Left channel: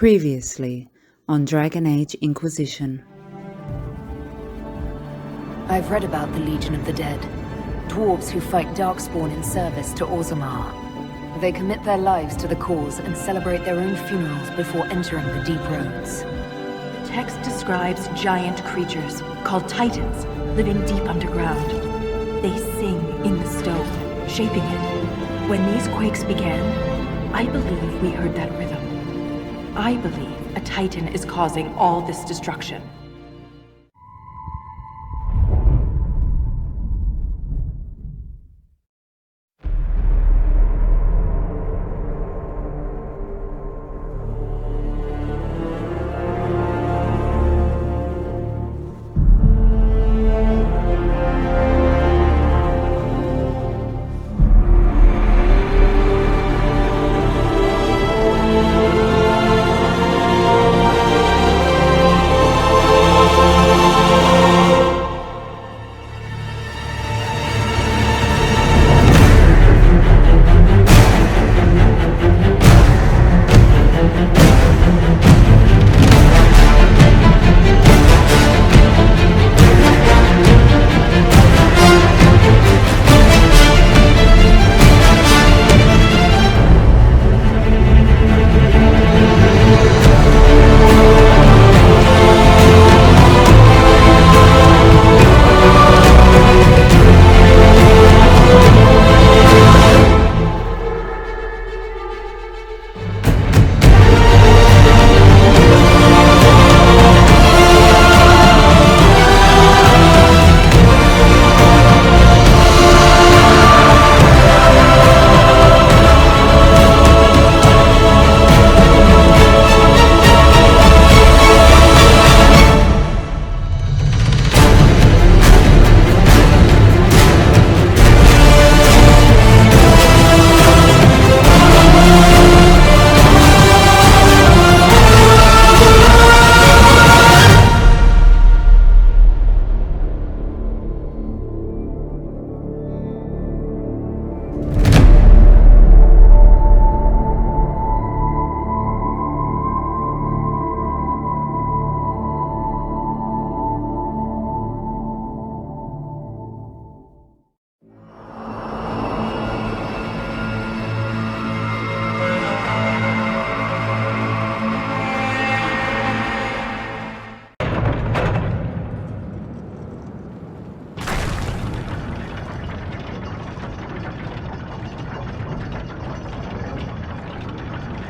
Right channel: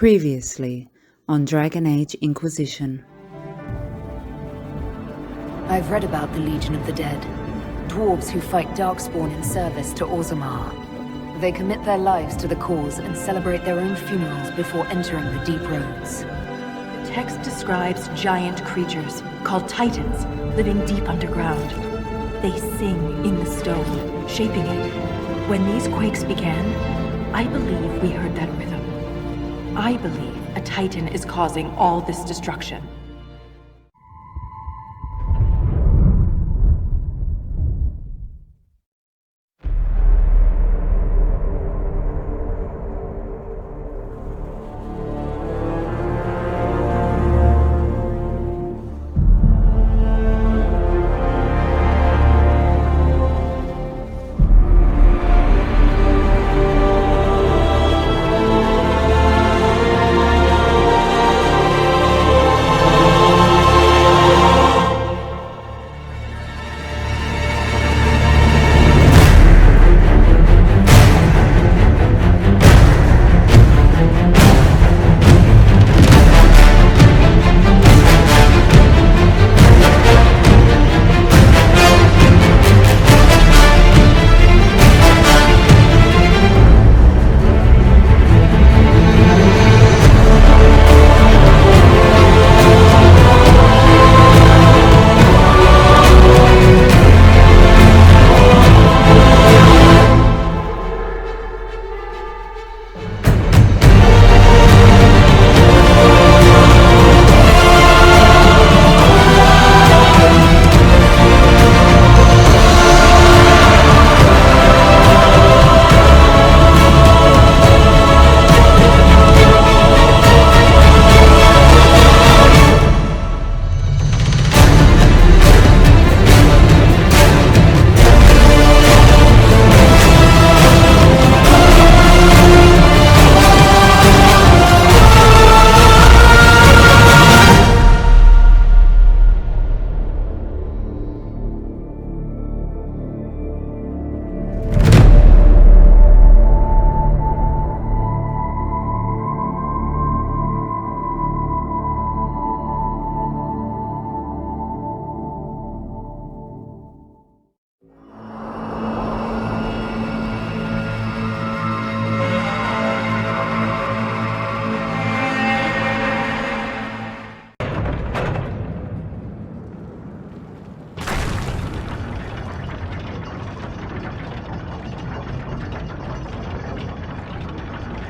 Previously on Dragon Age Inquisition. I've read about the Legion of the Dead. Dwarves who fight Darkspawn in service to Orzammar. They commit their lives to the cause and celebrate their own funerals before entering the Deep Roads. The text describes giant creatures, called Titans, living deep underground. They sing in the stone, shaping it. When these quakes began, I believe we heard that rhythm. I believe a Titan is causing all this destruction.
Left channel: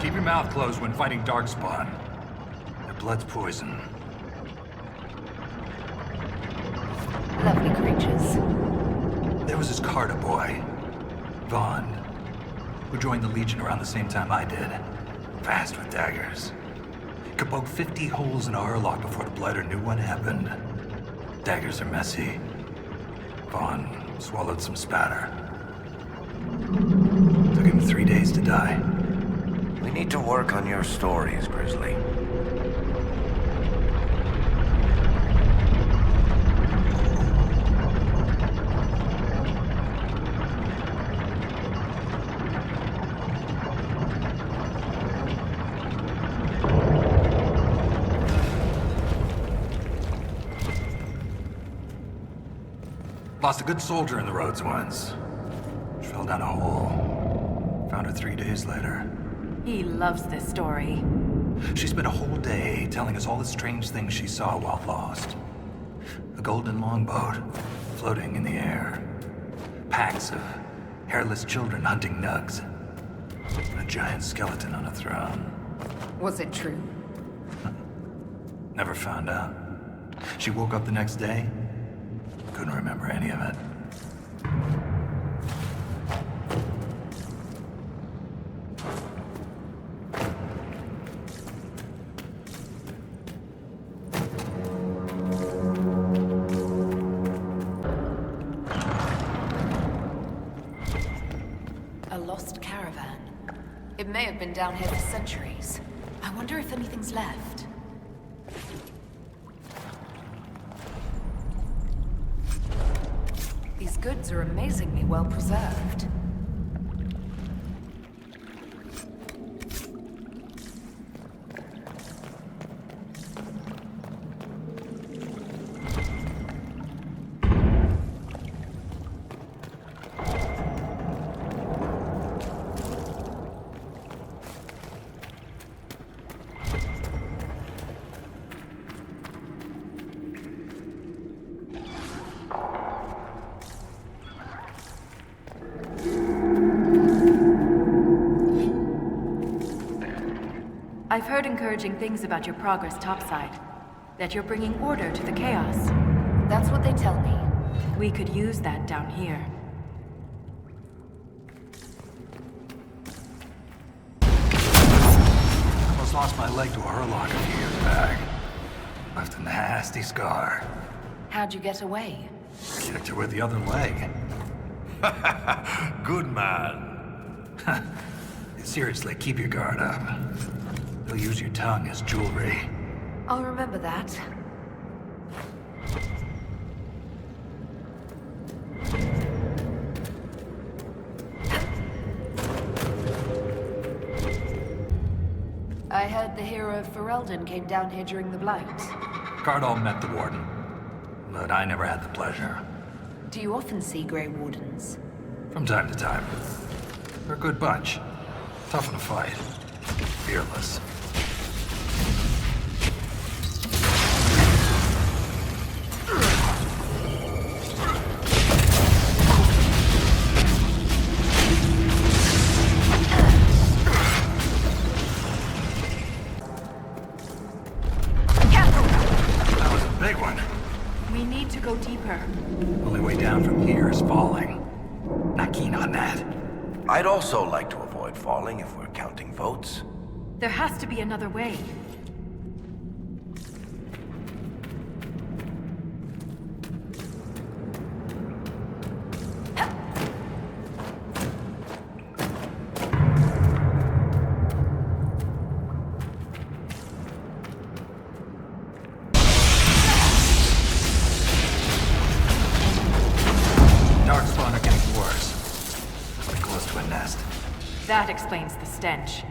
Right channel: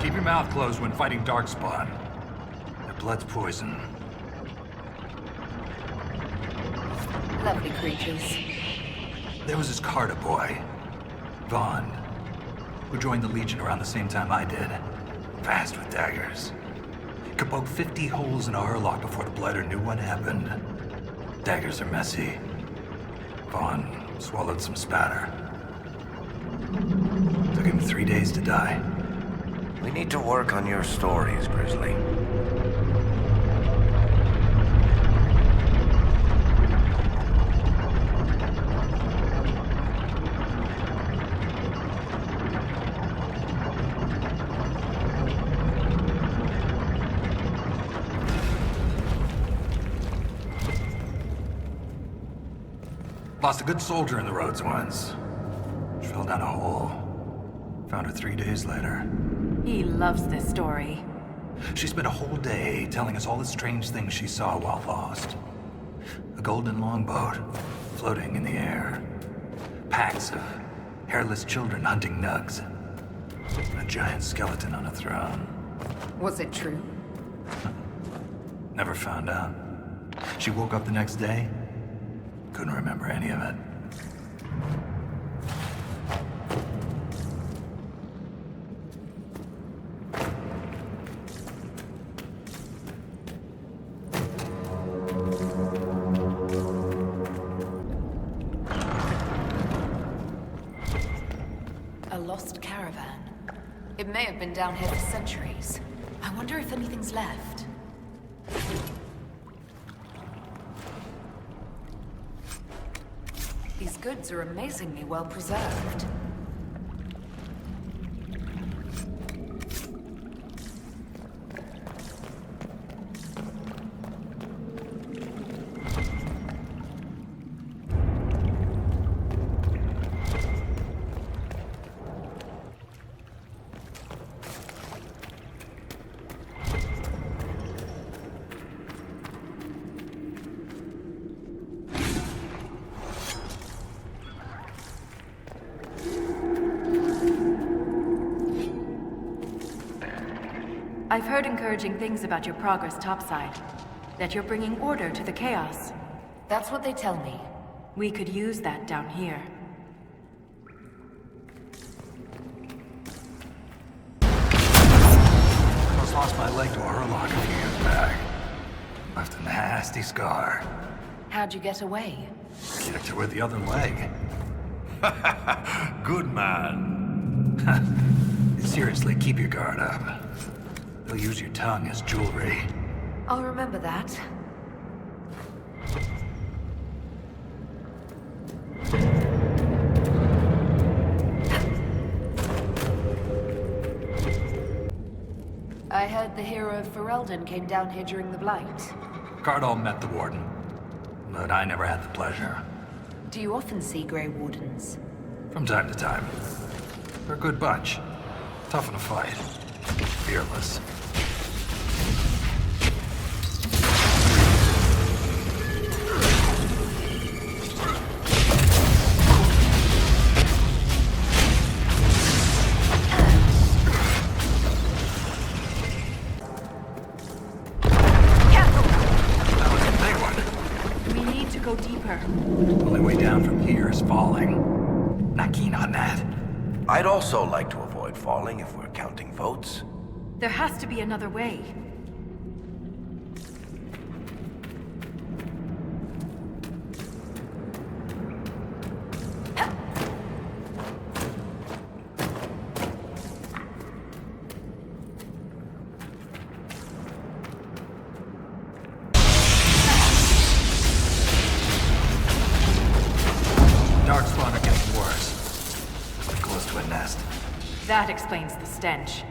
Keep your mouth closed when fighting Darkspawn. Their blood's poison. Lovely creatures. There was this Carter boy, Vaughn, who joined the Legion around the same time I did. Fast with daggers. Could poke 50 holes in a hurlock before the Blighter knew what happened. Daggers are messy. Vaughn swallowed some spatter. Took him 3 days to die. We need to work on your stories, Grizzly. Lost a good soldier in the roads once. She fell down a hole. Found her 3 days later. He loves this story. She spent a whole day telling us all the strange things she saw while lost. A golden longboat floating in the air. Packs of hairless children hunting nugs. A giant skeleton on a throne. Was it true? Never found out. She woke up the next day. Couldn't remember any of it. A lost caravan. It may have been down here for centuries. I wonder if anything's left. These goods are amazingly well preserved. I've heard encouraging things about your progress topside. That you're bringing order to the chaos. That's what they tell me. We could use that down here. Almost lost my leg to a Hurlock a few years back. Left a nasty scar. How'd you get away? Kicked her with the other leg. Good man. Seriously, keep your guard up. They'll use your tongue as jewelry. I'll remember that. I heard the hero of Ferelden came down here during the Blight. Cardall met the Warden, but I never had the pleasure. Do you often see Grey Wardens? From time to time. They're a good bunch. Tough in a fight. Fearless. That was a big one. We need to go deeper. Only way down from here is falling. Not keen on that. I'd also like to avoid falling if we're counting votes. There has to be another way. Darkspawn are getting worse. We're close to a nest. That explains the stench.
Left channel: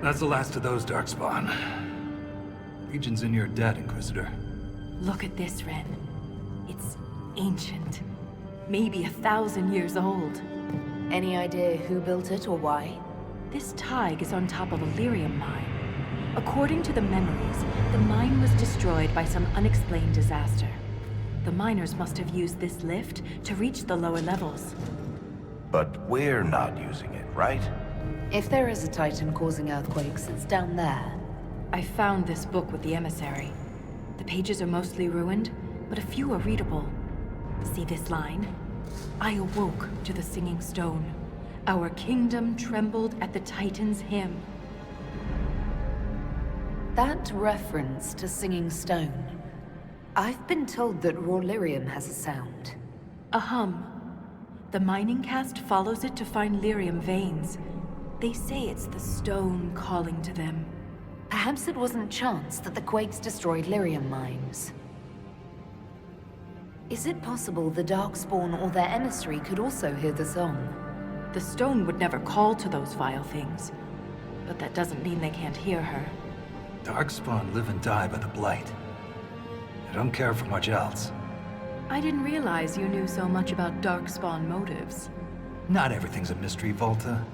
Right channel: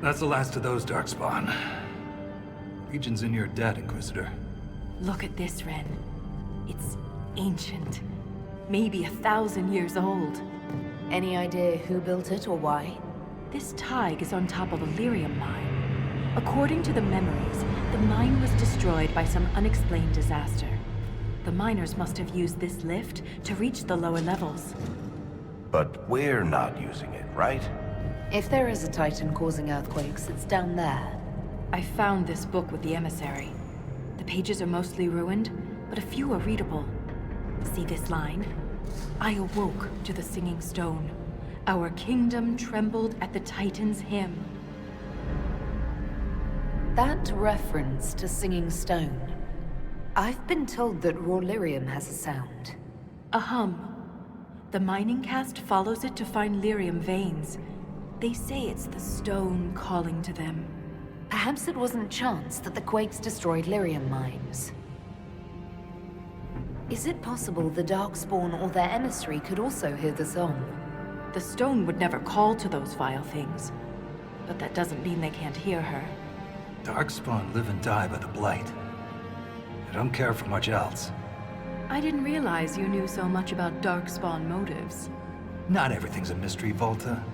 That's the last of those Darkspawn. Legion's in your debt, Inquisitor. Look at this, Ren. It's ancient. Maybe 1,000 years old. Any idea who built it or why? This Tig is on top of a lyrium mine. According to the memories, the mine was destroyed by some unexplained disaster. The miners must have used this lift to reach the lower levels. But we're not using it, right? If there is a Titan causing earthquakes, it's down there. I found this book with the emissary. The pages are mostly ruined, but a few are readable. See this line? I awoke to the singing stone. Our kingdom trembled at the Titan's hymn. That reference to Singing Stone. I've been told that raw lyrium has a sound. A hum. The mining cast follows it to find lyrium veins. They say it's the stone calling to them. Perhaps it wasn't chance that the quakes destroyed lyrium mines. Is it possible the Darkspawn or their emissary could also hear the song? The stone would never call to those vile things. But that doesn't mean they can't hear her. Darkspawn live and die by the Blight. They don't care for much else. I didn't realize you knew so much about Darkspawn motives. Not everything's a mystery, Volta.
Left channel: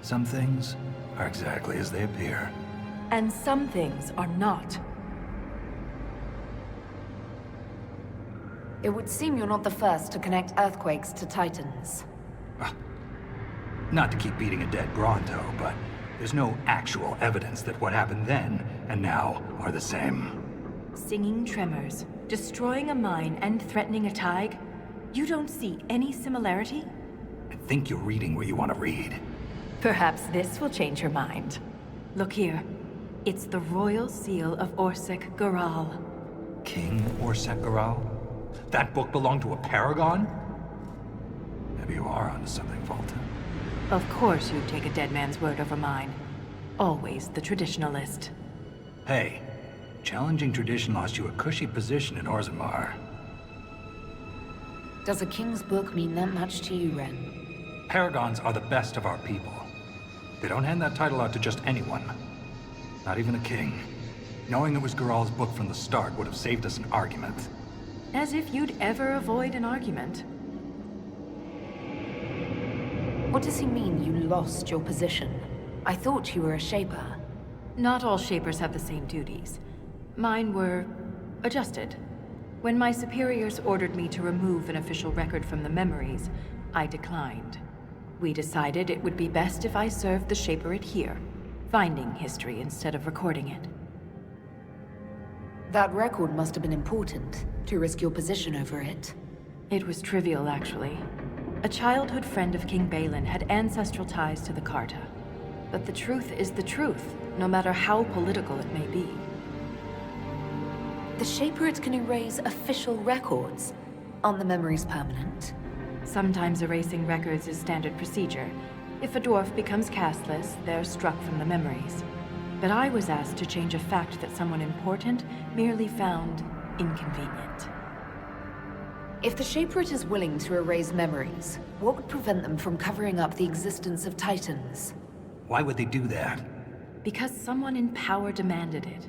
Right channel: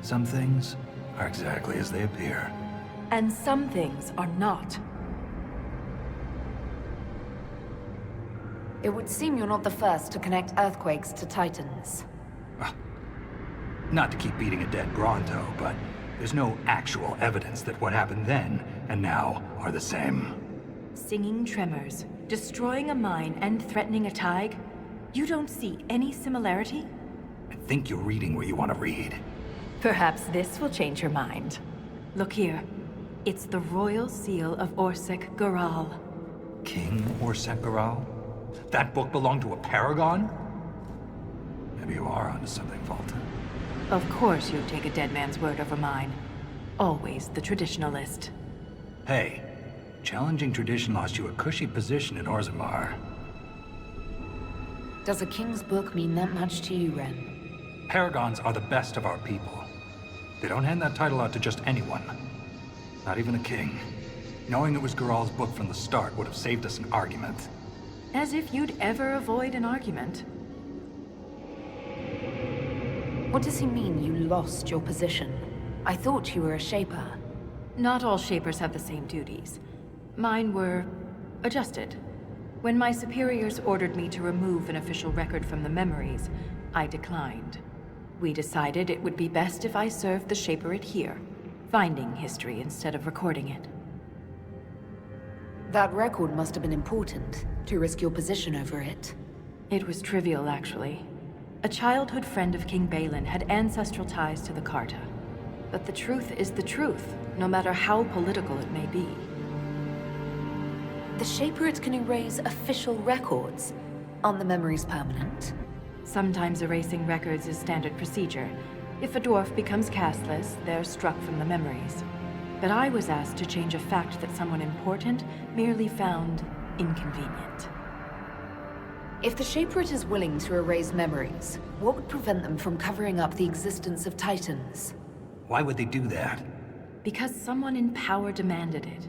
Some things are exactly as they appear. And some things are not. It would seem you're not the first to connect earthquakes to Titans. Not to keep beating a dead Bronto, but there's no actual evidence that what happened then and now are the same. Singing tremors, destroying a mine and threatening a Tig? You don't see any similarity? I think you're reading what you want to read. Perhaps this will change your mind. Look here. It's the royal seal of Orsec Garal. King Orsec Garal? That book belonged to a paragon? Maybe you are onto something, Volta. Of course you'd take a dead man's word over mine. Always the traditionalist. Hey, challenging tradition lost you a cushy position in Orzammar. Does a king's book mean that much to you, Ren? Paragons are the best of our people. They don't hand that title out to just anyone. Not even a king. Knowing it was Geralt's book from the start would have saved us an argument. As if you'd ever avoid an argument. What does he mean you lost your position? I thought you were a Shaper. Not all Shapers have the same duties. Mine were adjusted. When my superiors ordered me to remove an official record from the memories, I declined. We decided it would be best if I served the Shaperate here, finding history instead of recording it. That record must have been important, to risk your position over it. It was trivial, actually. A childhood friend of King Balin had ancestral ties to the Carta. But the truth is the truth, no matter how political it may be. The Shaperate can erase official records. Aren't the memories permanent? Sometimes erasing records is standard procedure. If a dwarf becomes castless, they're struck from the memories. But I was asked to change a fact that someone important merely found inconvenient. If the Shaperate is willing to erase memories, what would prevent them from covering up the existence of Titans? Why would they do that? Because someone in power demanded it.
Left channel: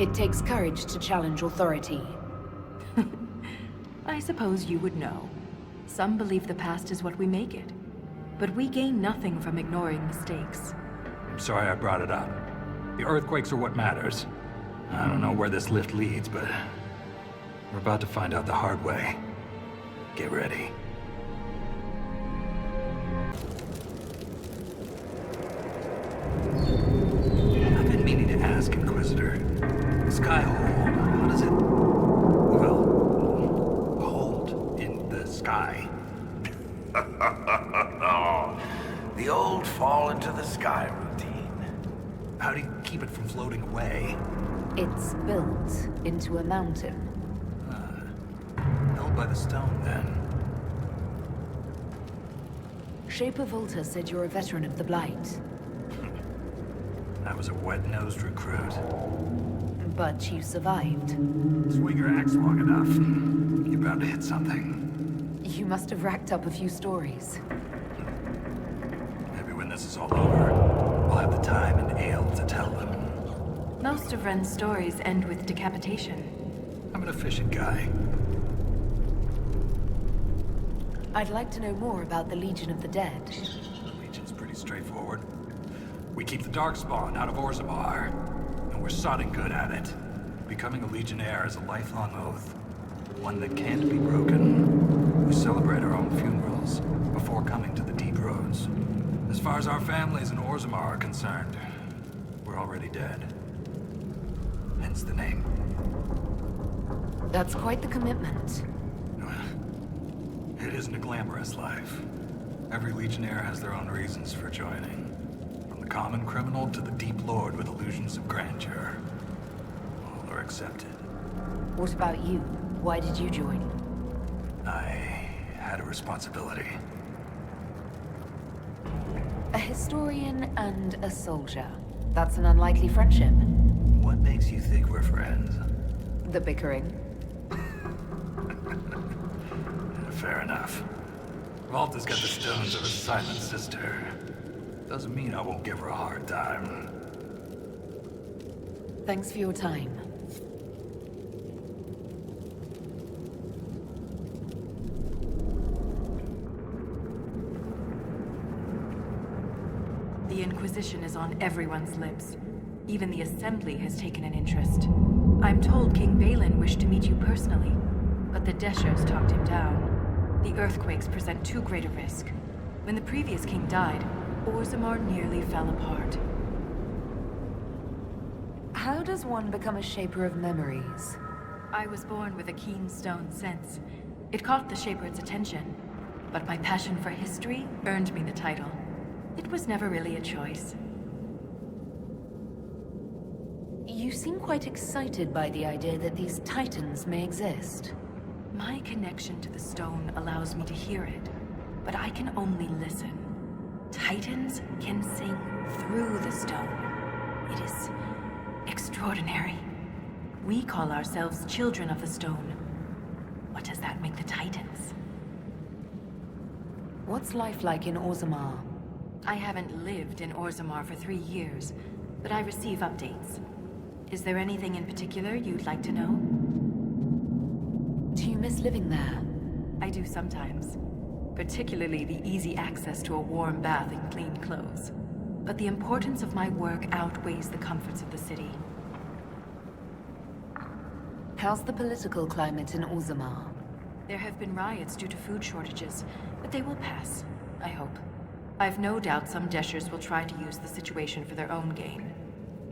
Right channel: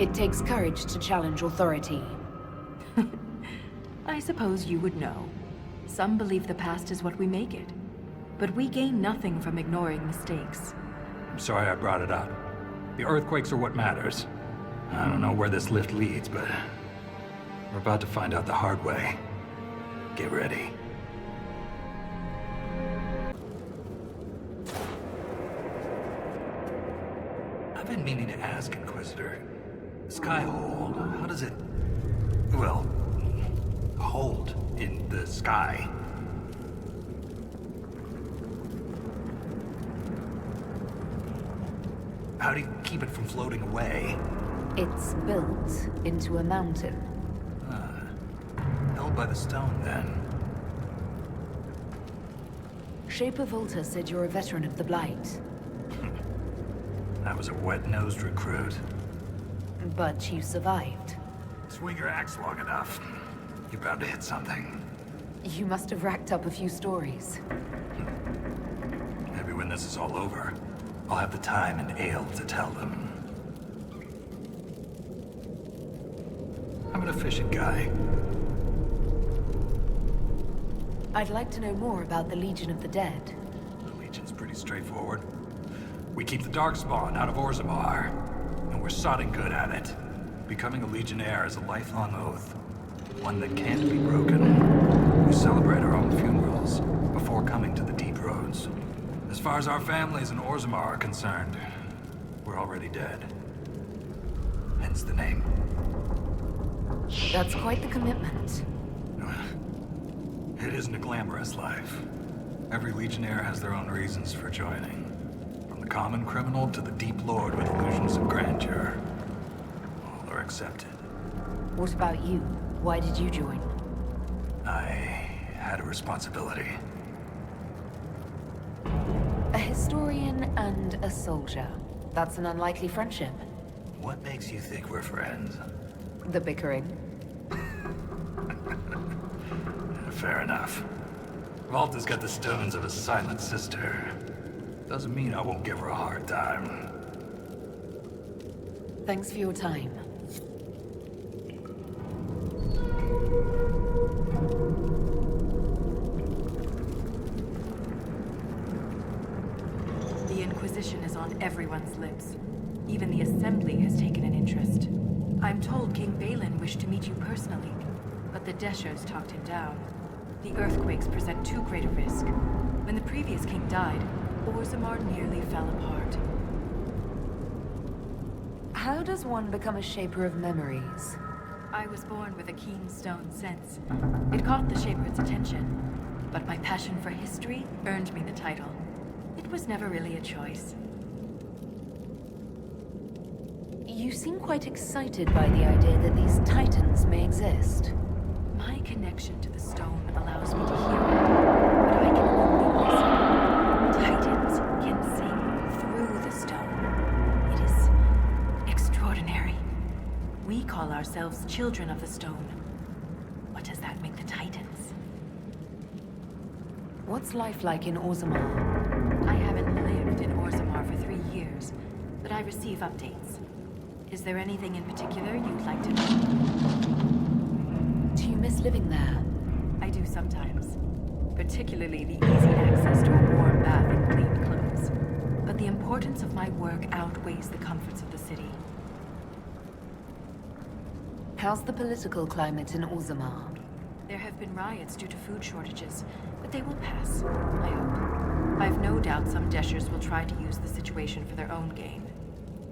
It takes courage to challenge authority. I suppose you would know. Some believe the past is what we make it. But we gain nothing from ignoring mistakes. I'm sorry I brought it up. The earthquakes are what matters. I don't know where this lift leads, but we're about to find out the hard way. Get ready. I've been meaning to ask, Inquisitor. Skyhold, how does it, well, hold in the sky? The old fall into the sky routine. How do you keep it from floating away? It's built into a mountain. Held by the stone, then. Shaper Volta said you're a veteran of the Blight. I was a wet-nosed recruit. But you survived. Swing your axe long enough, you're bound to hit something. You must have racked up a few stories. Maybe when this is all over, I'll have the time and ale to tell them. Most of Ren's stories end with decapitation. I'm an efficient guy. I'd like to know more about the Legion of the Dead. The Legion's pretty straightforward. We keep the Darkspawn out of Orzammar, and we're sodding good at it. Becoming a Legionnaire is a lifelong oath, one that can't be broken. We celebrate our own funerals before coming to the Deep Roads. As far as our families in Orzammar are concerned, we're already dead. Hence the name. That's quite the commitment. It isn't a glamorous life. Every Legionnaire has their own reasons for joining. From the common criminal to the deep lord with illusions of grandeur. All are accepted. What about you? Why did you join? I had a responsibility. A historian and a soldier. That's an unlikely friendship. What makes you think we're friends? The bickering. Fair enough. Volta's got the stones of a silent sister. Doesn't mean I won't give her a hard time. Thanks for your time. The Inquisition is on everyone's lips. Even the Assembly has taken an interest. I'm told King Balin wished to meet you personally, but the Deshos talked him down. The earthquakes present too great a risk. When the previous king died, Orzammar nearly fell apart. How does one become a shaper of memories? I was born with a keen stone sense. It caught the Shaperate's attention, but my passion for history earned me the title. It was never really a choice. You seem quite excited by the idea that these Titans may exist. My connection to the stone allows me to hear it, but I can only listen. Titans can sing through the stone. It is extraordinary. We call ourselves children of the stone. What does that make the Titans? What's life like in Orzammar? I haven't lived in Orzammar for 3 years, but I receive updates. Is there anything in particular you'd like to know? Do you miss living there? I do sometimes. Particularly the easy access to a warm bath and clean clothes. But the importance of my work outweighs the comforts of the city. How's the political climate in Orzammar? There have been riots due to food shortages, but they will pass, I hope. I've no doubt some Deshers will try to use the situation for their own gain.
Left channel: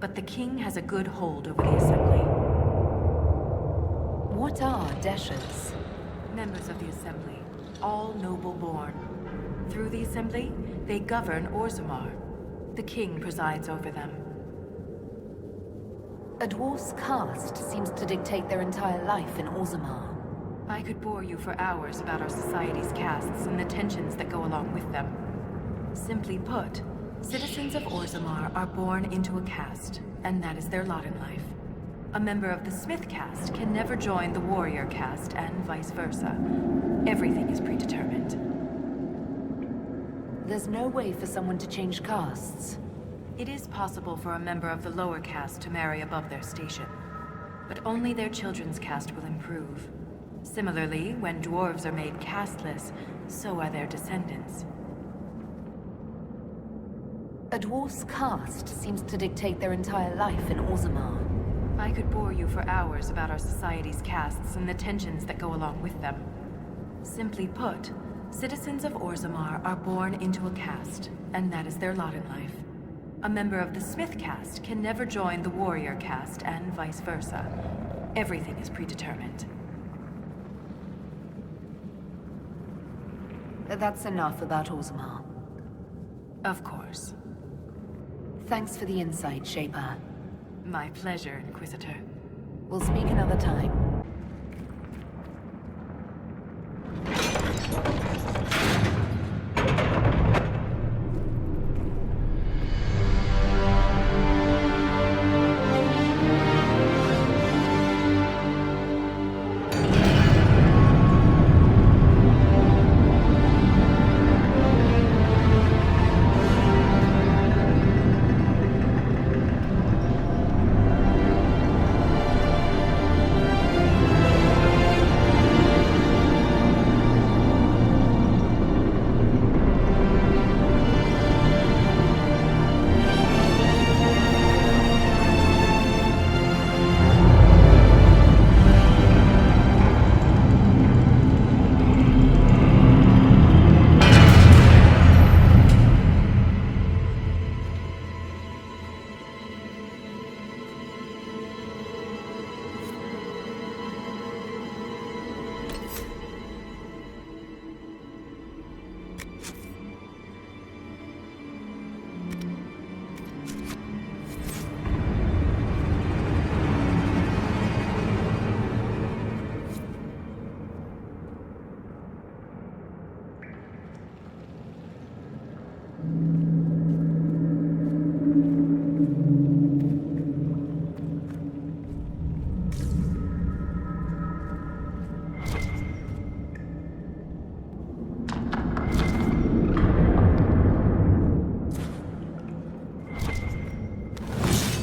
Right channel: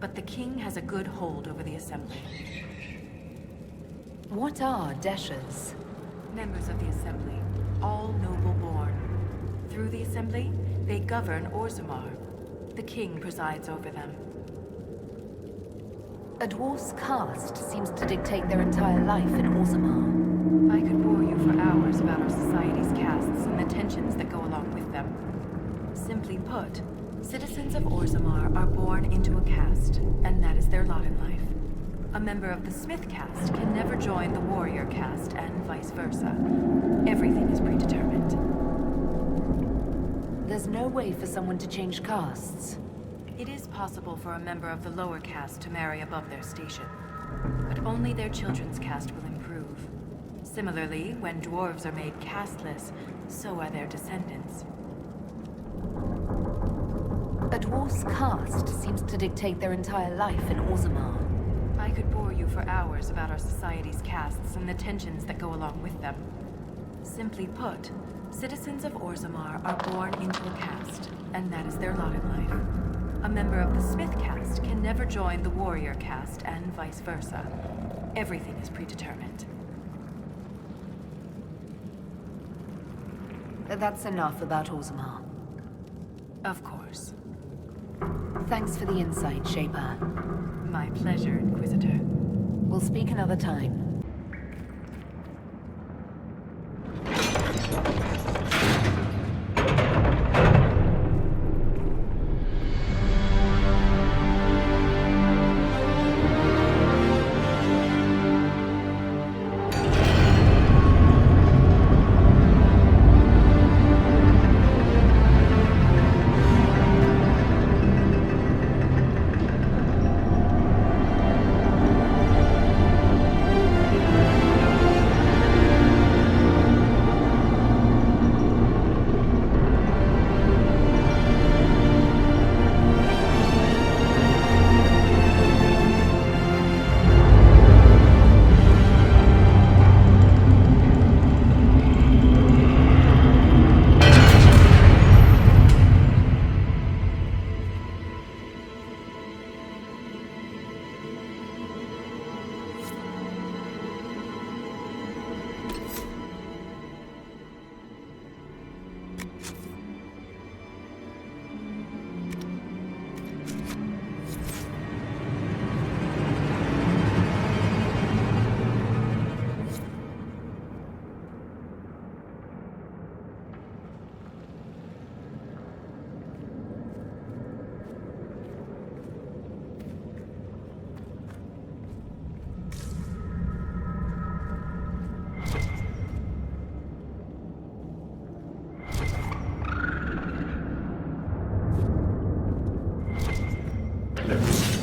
But the king has a good hold over the Assembly. What are Deshers? Members of the Assembly, all noble-born. Through the Assembly, they govern Orzammar. The king presides over them. A dwarf's caste seems to dictate their entire life in Orzammar. I could bore you for hours about our society's castes and the tensions that go along with them. Simply put, citizens of Orzammar are born into a caste, and that is their lot in life. A member of the Smith caste can never join the warrior caste, and vice versa. Everything is predetermined. There's no way for someone to change castes. It is possible for a member of the lower caste to marry above their station, but only their children's caste will improve. Similarly, when dwarves are made casteless, so are their descendants. A dwarf's caste seems to dictate their entire life in Orzammar. I could bore you for hours about our society's castes and the tensions that go along with them. Simply put, citizens of Orzammar are born into a caste, and that is their lot in life. A member of the Smith caste can never join the warrior caste, and vice versa. Everything is predetermined. That's enough about Orzammar. Of course. Thanks for the insight, Shaper. My pleasure, Inquisitor. We'll speak another time.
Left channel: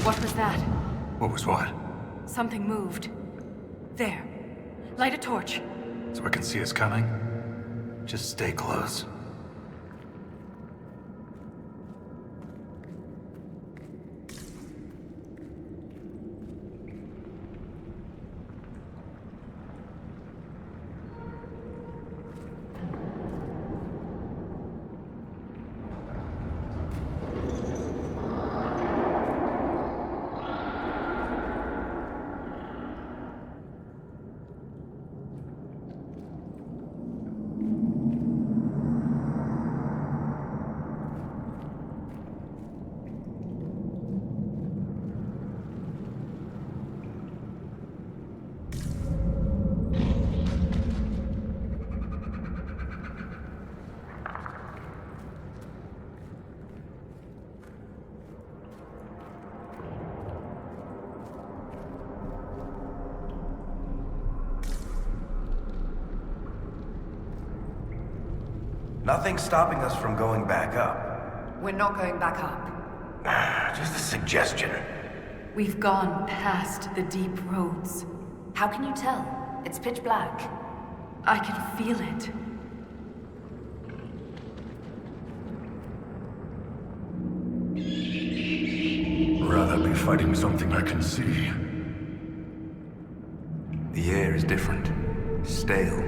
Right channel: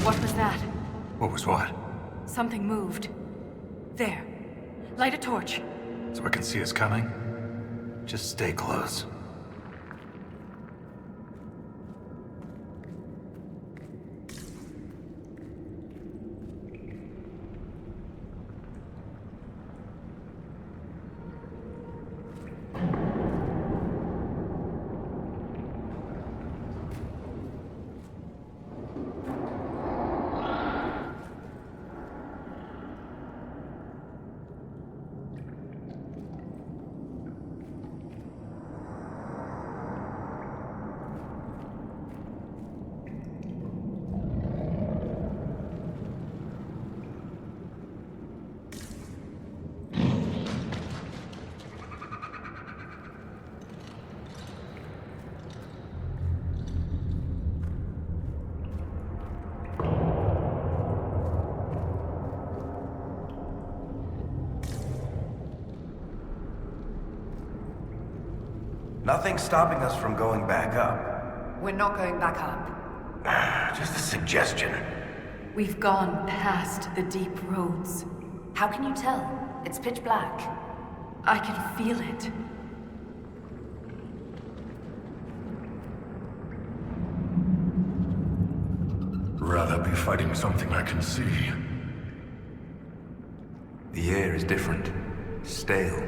What was that? What was what? Something moved. There. Light a torch. So I can see us coming? Just stay close. Nothing's stopping us from going back up. We're not going back up. Just a suggestion. We've gone past the deep roads. How can you tell? It's pitch black. I can feel it. Rather be fighting something I can see. The air is different. Stale.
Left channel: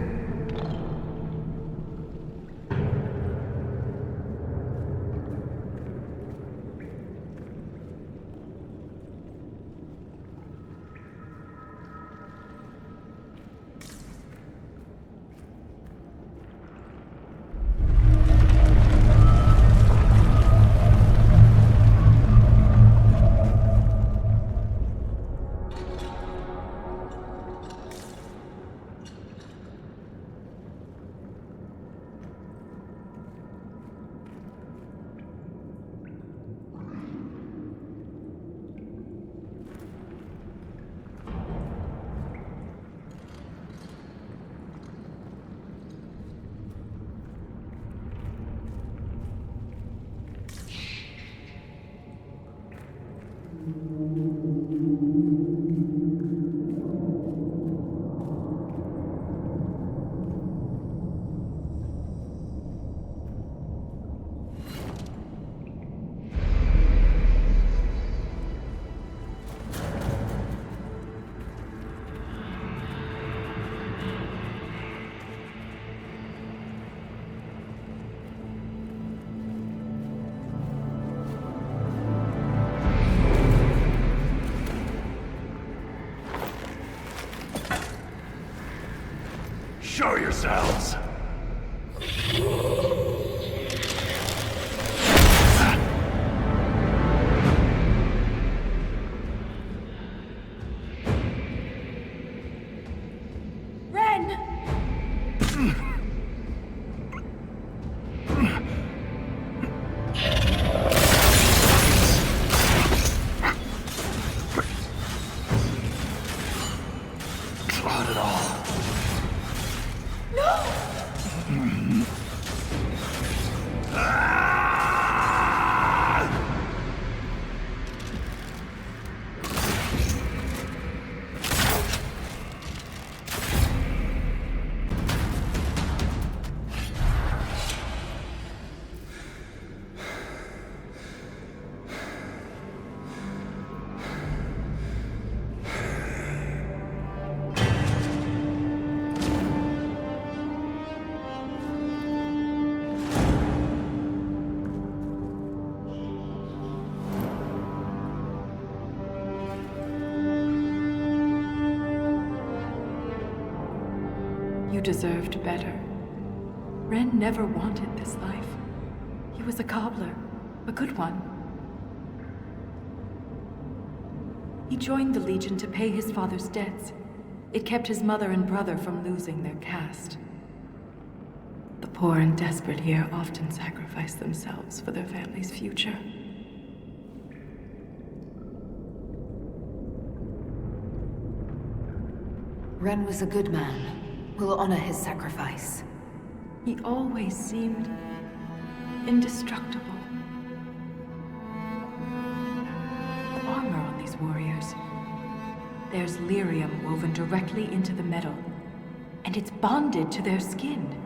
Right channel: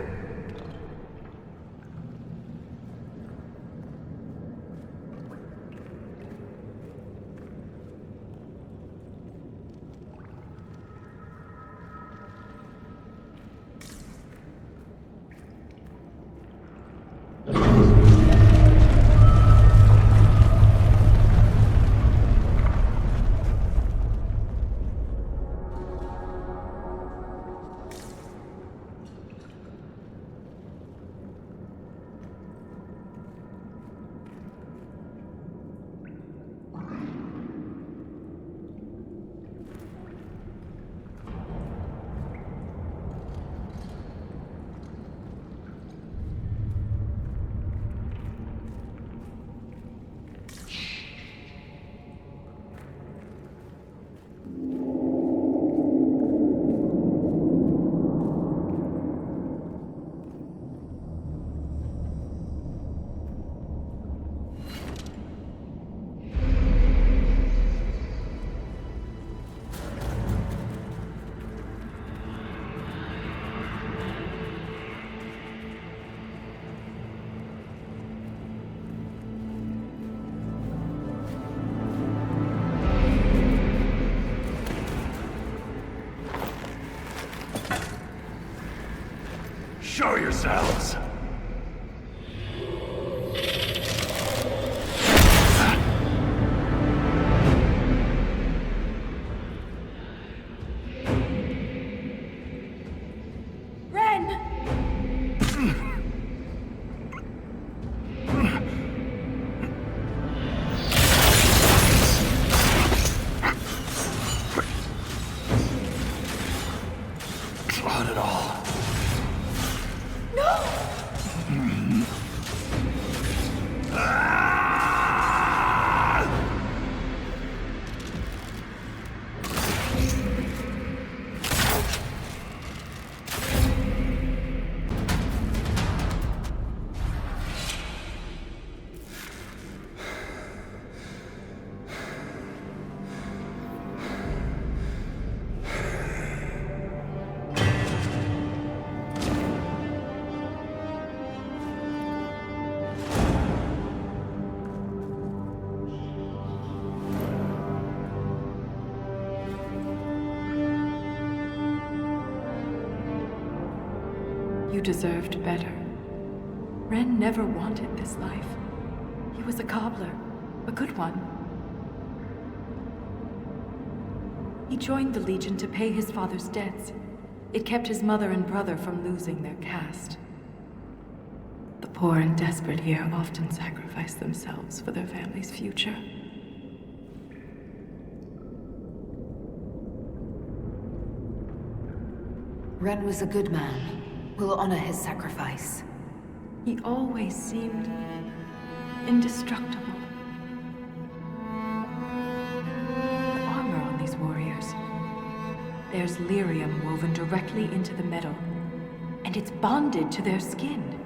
Show yourselves! Ren! Not at all. You deserved better. Ren never wanted this life. He was a cobbler, a good one. He joined the Legion to pay his father's debts. It kept his mother and brother from losing their caste. The poor and desperate here often sacrifice themselves for their family's future. Ren was a good man. We'll honor his sacrifice. He always seemed indestructible. The armor on these warriors. There's lyrium woven directly into the metal, and it's bonded to their skin.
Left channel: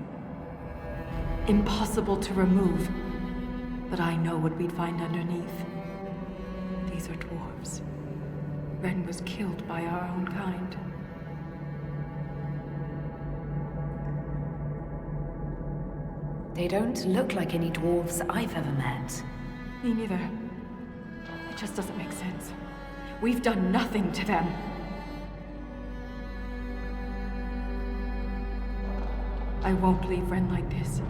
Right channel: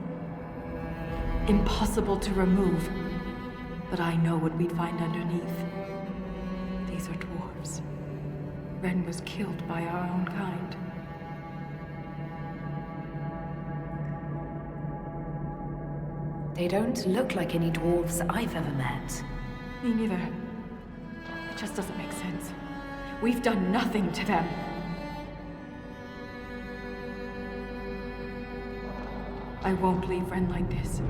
Impossible to remove, but I know what we'd find underneath. These are dwarves. Ren was killed by our own kind. They don't look like any dwarves I've ever met. Me neither. It just doesn't make sense. We've done nothing to them. I won't leave Ren like this.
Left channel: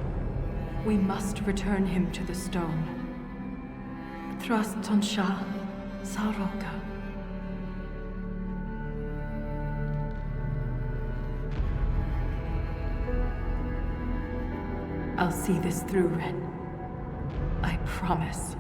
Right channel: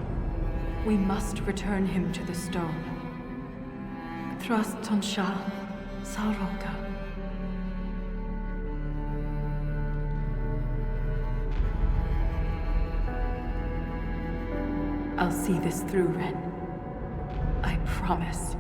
We must return him to the stone. Thrust Tonsha Saroka. I'll see this through, Ren. I promise.